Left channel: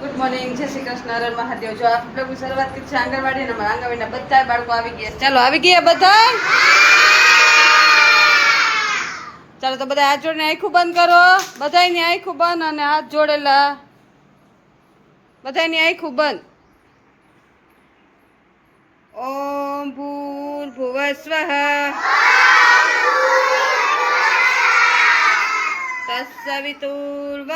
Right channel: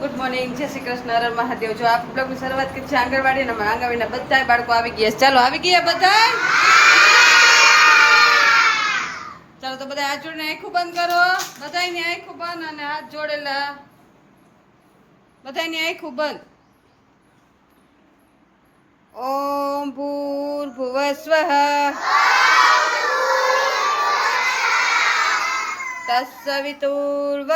Good morning, જય શ્રી કૃષ્ણ, હર મહાદેવ। જો આપ બ્લોગની શરૂઆત કરી છે આંગણવાડી અને આંગણવાડીના બધા બાળકો આવી ગયા છે। ચાલો આવી ગયા બધા। ચાલો તો બધા હાથ જોડીને આંખું બંધ કરો। બધાની આંખું બંધ અને હાથ જોડેલા। બધાની આંખું બંધ। ઓમ ભૂર્ભુવસ્વઃ તત્સવિતુર્વરેણ્યં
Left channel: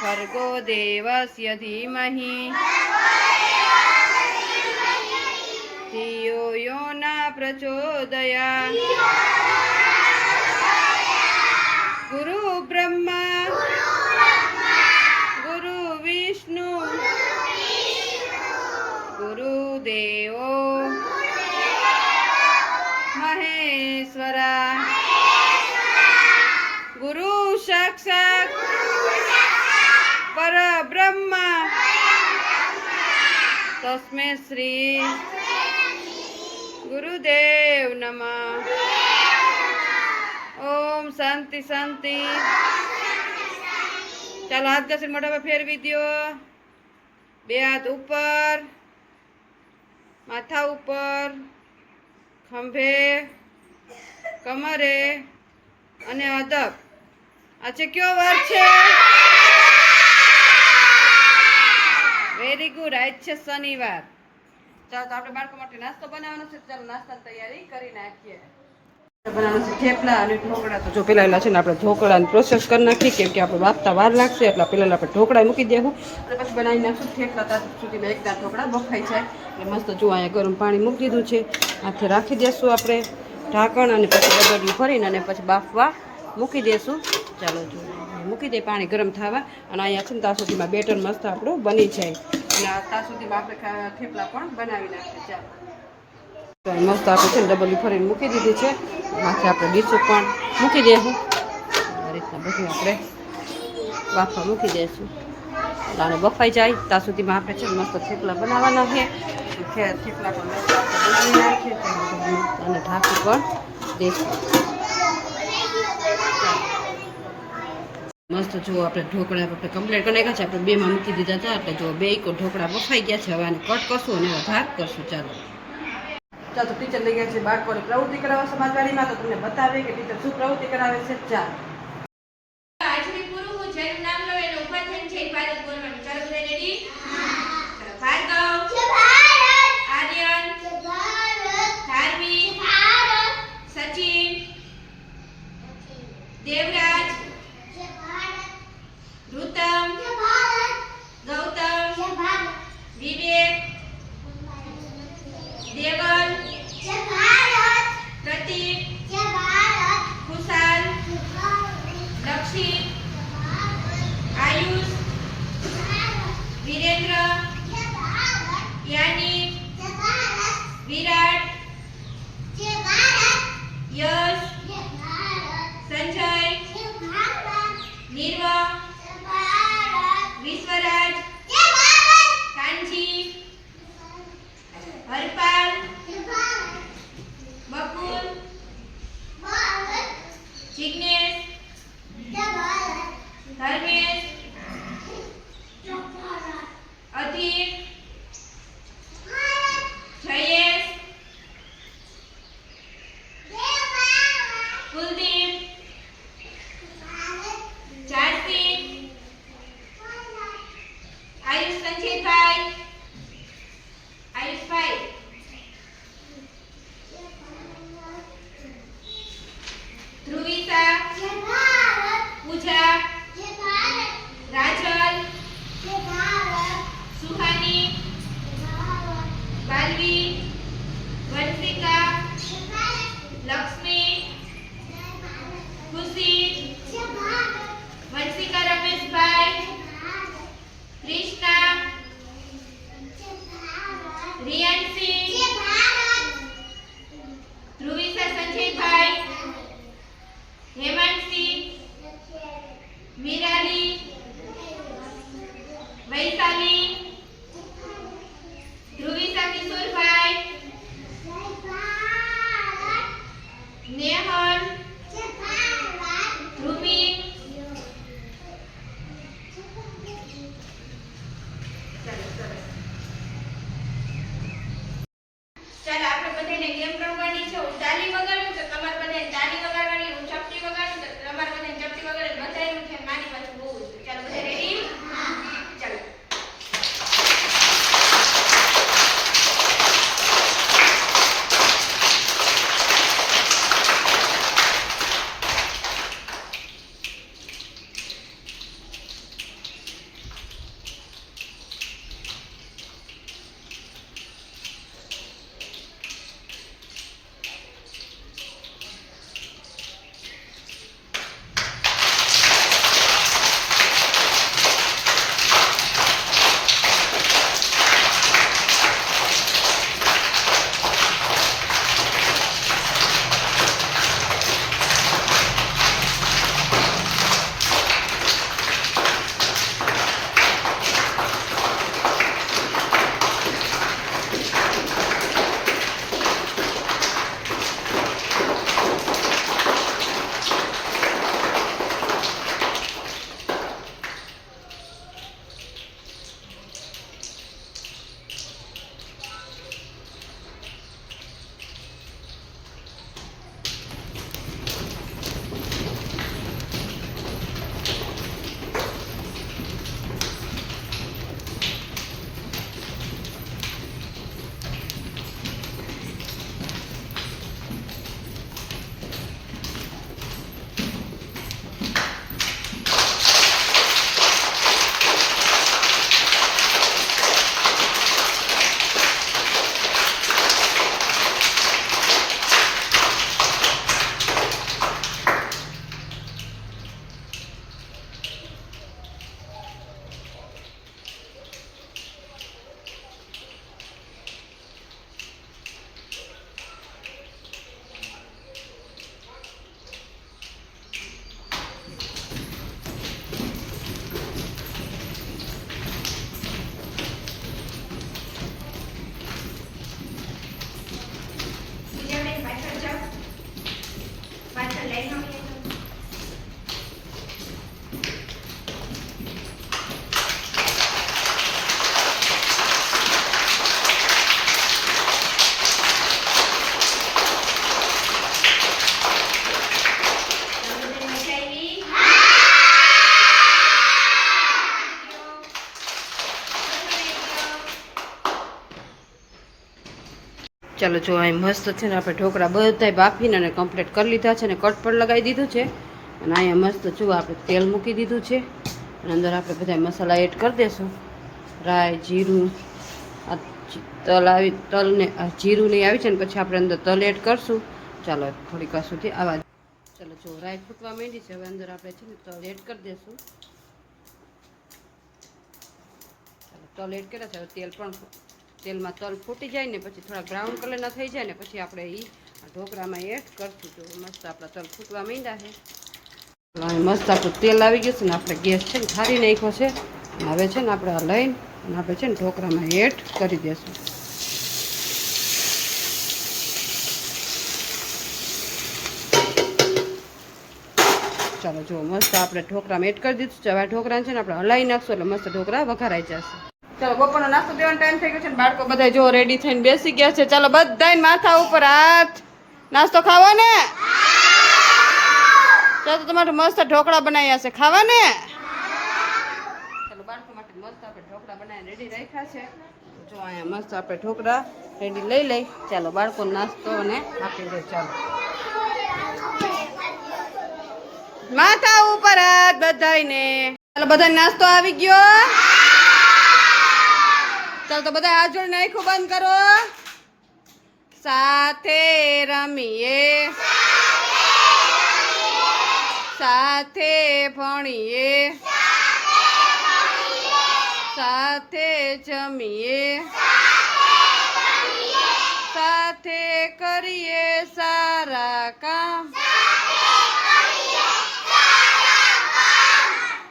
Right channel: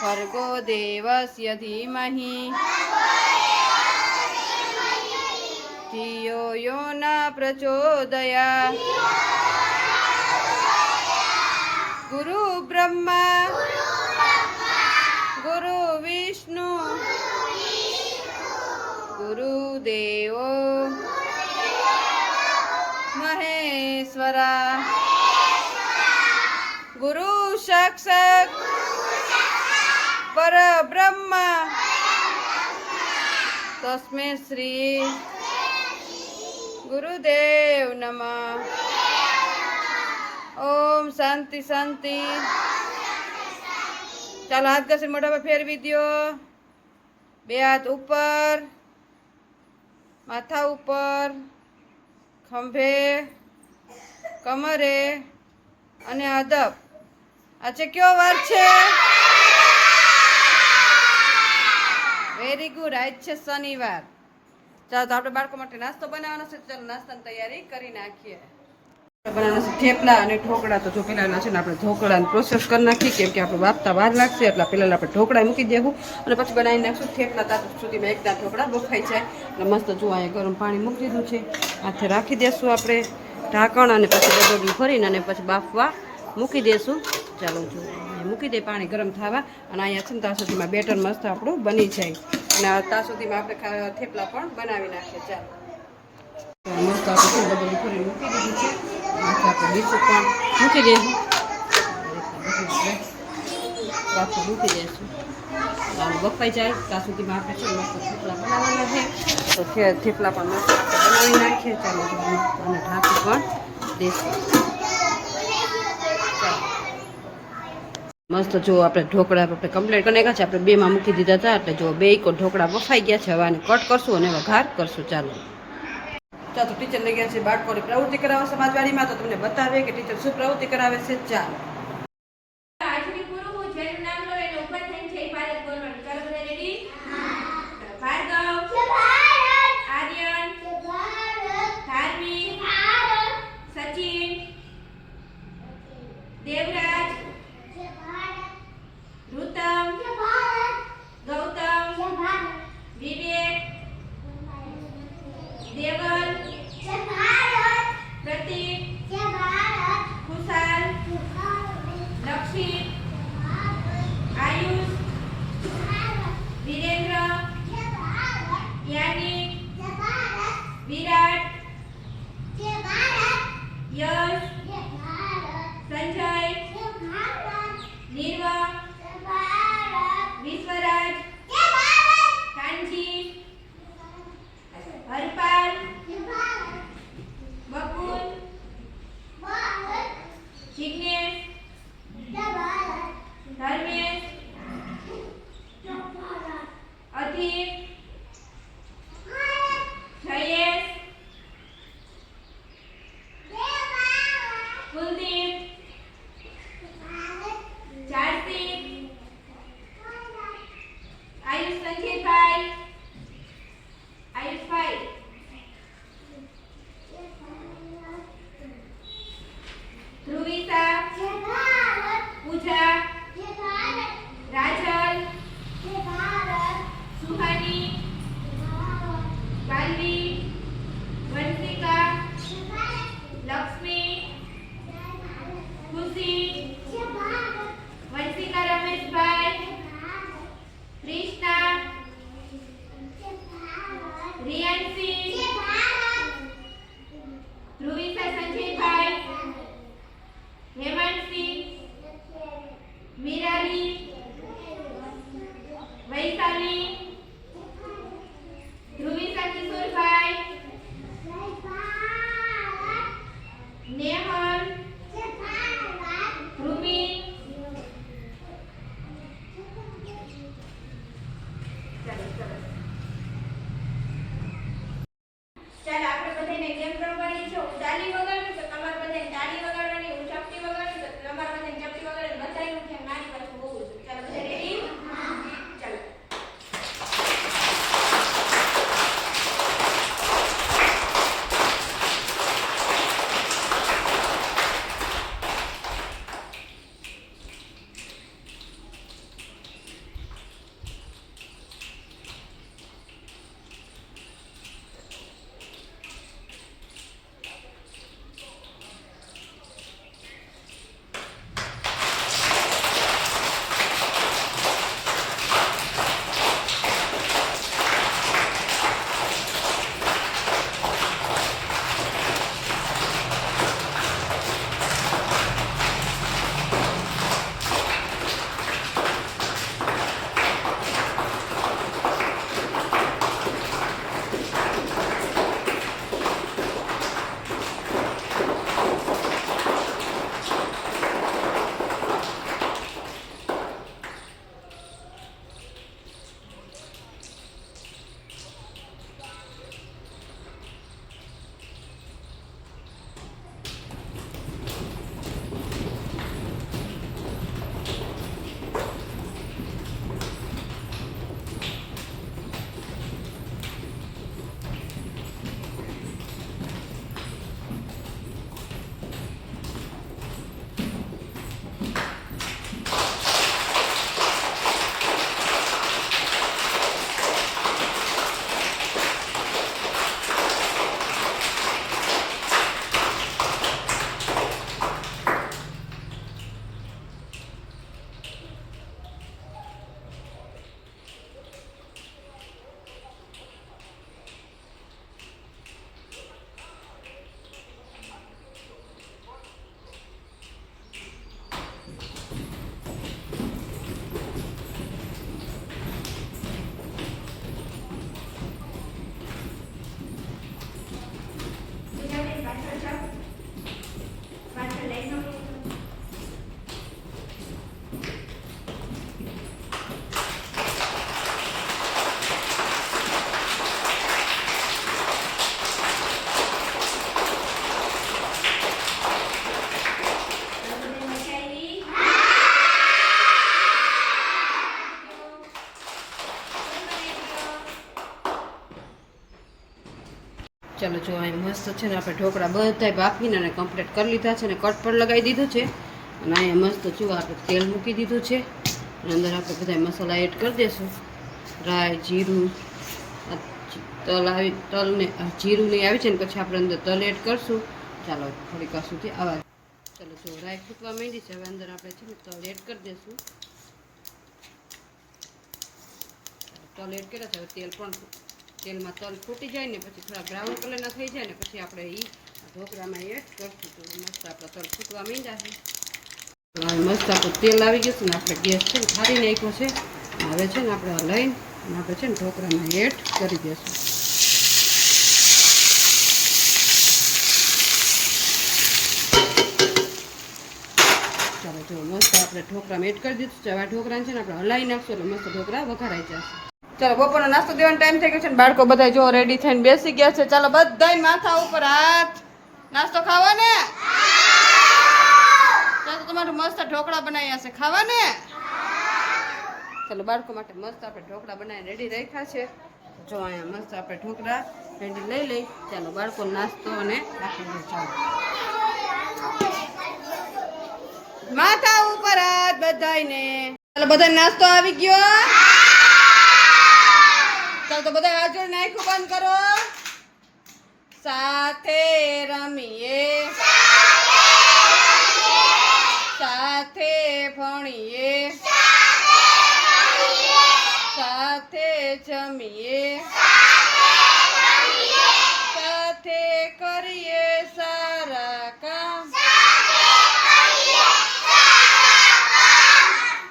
ભર્ગો દેવસ્ય ધીમહિ ધિયો યો ન પ્રચોદયાत्। ગુરુ બ્રહ્મા ગુરુ વિષ્ણુ ગુરુદેવો મહેશ્વરા ગુરુ સાક્ષાત પરબ્રહ્મ તસ્मै શ્રી ગુરુદેવ નમઃ। ઓમ શાંતિ શાંતિ। ચાલો હાથ ઘસીને મોઢા પર ફેરવી દો। બે હાથ ઉપર, માથા ઉપર, ખંભે, કમરે અને અદબ। આજે કયો વાર છે? વેરી ગુડ, આજ છે શનિવાર। ચાલો તો આપણે બાળકો માટે નાસ્તો બનાવવાનો છે। ચાલો નાસ્તાની તૈયારી કરી નાખીએ। બનાવવાનો છે થેપલા અને ઢોકળા। તો જો પેલા છે ને આપણે ઢોકળાની પ્રોસેસ કરી નાખીએ, કેમ કે આપણે બાફતા વાર લાગશે, એટલે પહેલાં આપણે ઢોકળા મૂકી દેવું અને પછી બનાવી નાખશું થેપલા। ત્યાં સુધીમાં એકદમ ઢોકળા બફાઈ જાય એટલે મસ્ત જો અહીંયા ગરમ પાણી મૂકી દીધું છે, હાથે રાખી દેશું આપણે ઢાંકણ અને પછી ડબલું ભરીને અને પછી બાફવા મૂકી દેશું। ચાલો જો અહીંયા મૂકી દે પાણી ગરમ થવા અને અહીંયા છે ને ત્યાં સુધીમાં બેટર મસ્ત આપણું બની જાય અને ત્યાં સુધીમાં આપણે થેપલા પણ બનાવી નાખીએ। ચાલો તો મસ્ત આપણે છે ને ડબલી ભરીને મૂકી દીધી છે, માથે આપણે ડીશું પણ મૂકી દઈશું। આ રીતના બધું આપણે બાફવા મૂકી દઈશું એટલે આને બફાઈ જાય ત્યાં સુધીમાં આપણે છે ને મસ્ત થેપલા બનાવવાના છે। તો થેપલા પણ મસ્ત આપણે બનાવી નાખીએ। ચાલો અને ઢાંકી પણ દઈશું। મસ્ત જો આપણે ઢોકળા આપણે કમ્પ્લીટ કરી નાખ્યા છે। આપણે બેમાં મૂકી દીધા હતા એટલે જો બે ઢોકળા બફાઈ ગયા છે। હવે આને કટ કરશું અને વઘાર કરશું। ચાલો ચાલો તો ટીચર લઈ ગયા છે બાળકોને પ્રવૃત્તિ કરાવવા સમાજવાડીમાં। તો તમને બતાવે કે ટીચર શું પ્રવૃત્તિ કરાવે છે। ચાલો આજથી પૂરું હું જેનું નામ લો એને ઉપર થઈને જય ભારત બોલવાનું। ચાલો બધા રેડી? ભાર્ગવ, આર્યન, ધાર્વી, સચિન, દેવરાજ, ઋતમ, ગૌતમ, વિવેક, દેવલ, પ્રતીક, ખુશાલ, લક્ષિત, આયુષ, વિરેન્દ્ર, યાનિક, વિરાટ, યશ, સંજય, નિર્વ, વિશ્વરાજ, કાંજી, હરપાલ, બકુલ, જિગ્નેશ, ધર્મેશ, અધિક, જયેશ, કુલદીપ, ચાર્તિક, આયુષ સંચિતભાઈ, આયુષભાઈ, ધ્રુવિસા, પૂજા, ચાલો જો અહીં મસ્ત છે ને આપણે ઢોકળા બધાય બાફીને અને કમ્પ્લીટ કરી લીધા છે ને કટ પણ લગાવી દીધું છે અને અહીંયા મસ્ત જો આપણે તેલ મૂકી દીધું છે અને અંદર આપણે બધા મસાલા એડ કરી દઈશું. રાઈ, જીરું, આ તલ ને જીરું નહીં આવી છે ને પછી આપણે અંદર તલ એડ કરશું. ચાલો થોડીક વાર સુધી આવા. ચાલો જો રાઈ ફૂટવા માંડી છે, હવે અંદર આપણે છે ને તલ એડ કરી દઈશું. ચાલો તલ એડ કર્યા છે, હવે તેલમાં તલ ફૂટી જાય ને પછી થોડા બ્રાઉન કલરના થઈ જાય ને પછી આપણે ઢોકળામાં એડ કરશું. તો મસ્ત આપણા તલ ફૂટવા માંડ્યા છે. મસ્ત આપણું તેલ આવી ગયું છે ને આપણે ગેસ છે ને ઠારી નાખ્યો છે. હવે છે ને આપણે આ લઈને અને આપણે છે ને ઢોકળામાં એડ કરી દઈશું. ચાલો જો મસ્ત આપણે ઢોકળામાં એડ કરી દીધું છે. હવે ઢોકળાને છે ને આપણે હલાવી નાખશું એટલે મસ્ત ઢોકળા વઘારાઈ જશે. ચાલો બપોરનો નાસ્તો દેવાનો ટાઈમ થઈ ગયો છે ને બાળકો બધા જો રેડી થઈને બેસી ગયા છે. ચાલો બધાય માથા ઉપર હાથ. નાસ્તો ખાવો ને? ચાલો તમારું મસ્ત ઢોકળા બનાવ્યા છે, ખાવા ને? ચાલો બાળકો માટે મસ્ત આપણે ઢોકળા બનાવીને રેડી રાખ્યા છે. જો અહીંયા મસ્ત આપણે ઢોકળા રેડી લઈ. ચાલો બાળકો નાસ્તો અને આપી દે. ચાલો માથા ઉપર હાથ બધાયને. ચાલો બધા નાસ્તો આવી ગયો. ચાલો તો બધા હાથ જોડીને આંખો બંધ કરો. સાથે રમીએ, સાથે ભણીએ, સાથે જમીએ, સાથે કરીએ સારા કામ,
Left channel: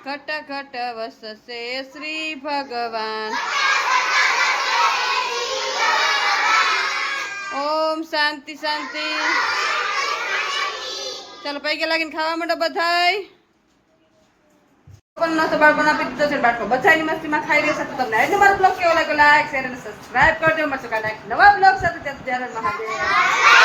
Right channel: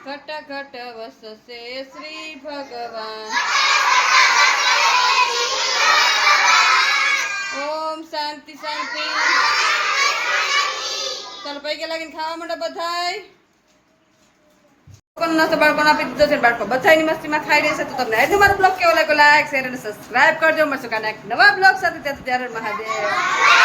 ઘટ ઘટ વસશે શ્રી ભગવાન. ઓમ શાંતિ શાંતિ. ચાલો પૈકી લાગીને ખાવા માંડો બધાય. નાસ્તો બાળકોને આપી દીધો છે. બાળકો બધાની મસ્તીમાં ખાઈ રહેશે. તો તમને આજનો મારો બ્લોગ કેવો લાગ્યો લાઈક શેર અને સબસ્ક્રાઇબ કરજો. મળશું કાલે એક નવા બ્લોગ સાથે. ત્યારે મહાદેવ.